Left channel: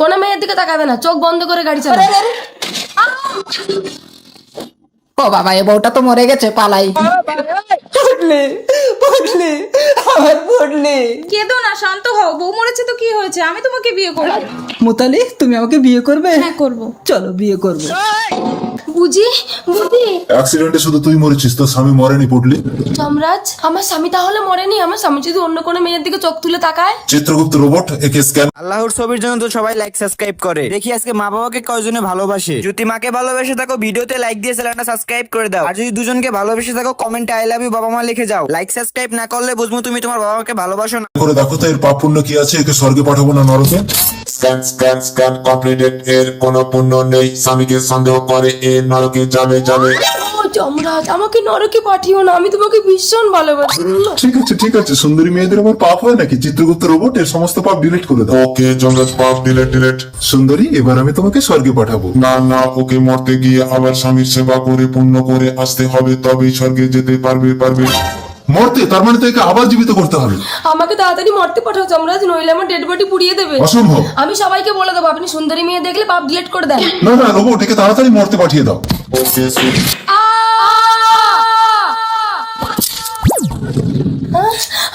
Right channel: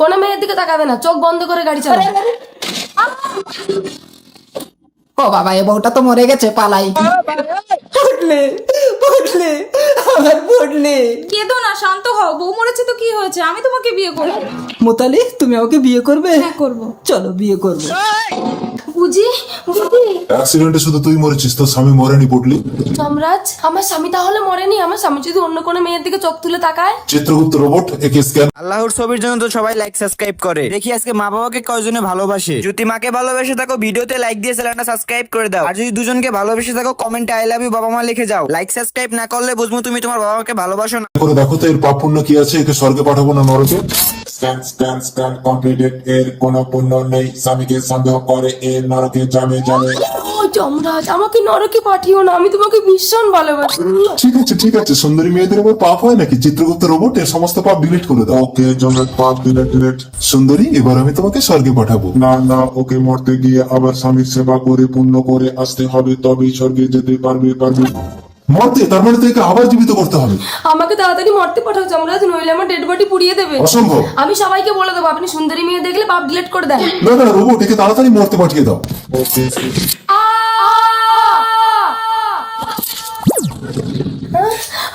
কোনো মেয়ের দিকে তাকাবে না, চোখ বন্ধ করে গাড়ি চালাবে। ও বাবা, এ বউটা তো মরে গেছে, পালাই। পড়লে পড়লে আমার পড়লে। কেঁদো না, শান্ত হও। বউ মরেছে তো কি হয়েছে, আমি তোমাকে বিয়ে করবো। মোতালি, তুমি আমাকে বিয়ে করবে? হ্যাঁ করবো। চলো বিয়ে করবো। বুঝি বুঝি অ্যাক্সিডেন্টে শুধু তুই মরেছিস, তোর স্বামী মরেনি পুটলি। যমরাজ, আমার স্বামী তাহলে মরেনি? আমার স্বামী যদি অন্য কোনো মেয়ের দিকে চোখ তুলে তাকায়? চিত্রগুপ্ত রোবট একে স্ক্যান। আল্লাহর ছবির জন্য তো সবাই লাইক সাবস্ক্রাইব করে। দেখি আজকে মা বাবাকে কয়জনে ভালোবাসে। যদি মাকে ভালোবেসে থাকো ভিডিওতে লাইক দিয়ে চ্যানেলটা সাবস্ক্রাইব করে দাও। আর যদি দুজনকে ভালোবেসে থাকো কমেন্টে আই লাভ ইউ বাবা মা লিখে যাও। লাইক সাবস্ক্রাইব না করলে বুঝবো তুমি তোমার বাবা মাকে ভালোবাসো না। করে দেখো তো এর পাপ পুণ্য কি আছে, একে স্বর্গে পাঠাবো না নরকে। স্ক্যান স্ক্যান স্ক্যান কমপ্লিটেড, এর কোনো পুণ্য নেই, স্বামীকে সন্দেহ করে এ নরকে যাবে যাবে। ও যমরাজ, আমাকে নরকে পাঠিও না, আমি তোমাকে ভীষণ ভালোবাসি। ঠিক আছে, সুন্দরী মেয়েদের উপর পাপ হয় নাকি? চিত্রগুপ্ত রোবট এর সমস্ত পাপ ডিলিট করে দাও। ওকে জমরাজ, পাপ ডিলিট। সুন্দরী, এবার আমি তোমাকে স্বর্গে পাঠাবো। না, ওকে মরতে গিয়ে আবার স্বামীর সেবা করে পুণ্য করে আসতে হবে, তবেই স্বর্গে যেতে পারবে। মরতে, তারপরে থেকে আবার জীবিত করতে হবে। আমাকে তাড়াতাড়ি মরতে পাঠাও যমরাজ, নইলে আমার ডেড বডি পুড়িয়ে দেবে। অসম্ভব। আমি সবাইকে বলে দেবো আপনি সুন্দরী মেয়ে দেখলে পাপ ডিলিট করে দেন। না, রোবট একে তাড়াতাড়ি মরতে পাঠিয়ে দাও।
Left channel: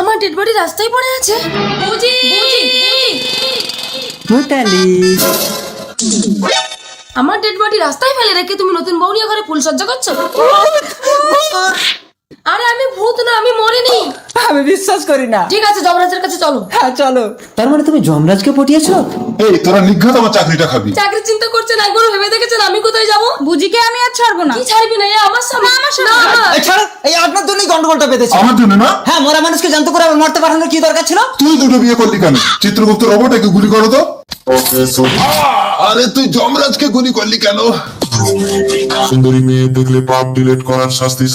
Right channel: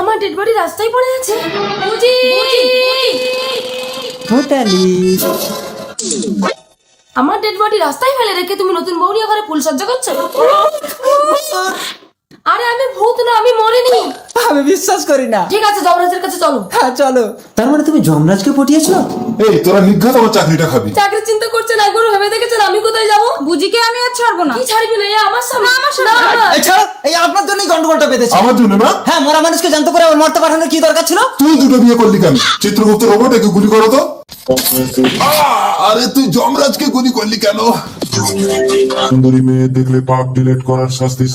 আমার ডেড বডি রাস্তায় পড়ে আছে। বুঝি মোতালি, আমার ডেড বডি রাস্তায় ফেলে রেখে তুমি নতুন বউ নিয়ে ঘরে ফুলসজ্জা করছো? আরে আমি ভূত না, আমি মরিনি। আমি বিশ্বাস করি না। ঠিক আছে, যমরাজের কাছে চলো। হ্যাঁ চলো। তার মানে তুমি যমরাজকে পটিয়েছো? এই তোরা নিঘাত আমার চাকরিটা খাবি। চাকরির চিন্তা করছেন, একবার ভেবে দেখেছেন আমি কোথায় যাবো? বুঝিকে আমি আর ছাড়বো না। কি ছাড়বি না? এ আমার স্বামী। না, না। এই ছাড়ো, এই আপনার জন্যই গন্ডগোলটা বেঁধেছে। আমার জন্য না? হ্যাঁ, মরা মানুষকে জানত করে আবার মরতে পাঠানোর কি দরকার ছিল? তুই দুটো বিয়ে করলি কেন? চিত্রগুপ্ত রোবট একে গুলি করো তো। আরে তুই যমরাজকে গুলি করলি কেন? সুন্দরী মেয়ে দেখলে পাপ ডিলিট করার শাস্তি।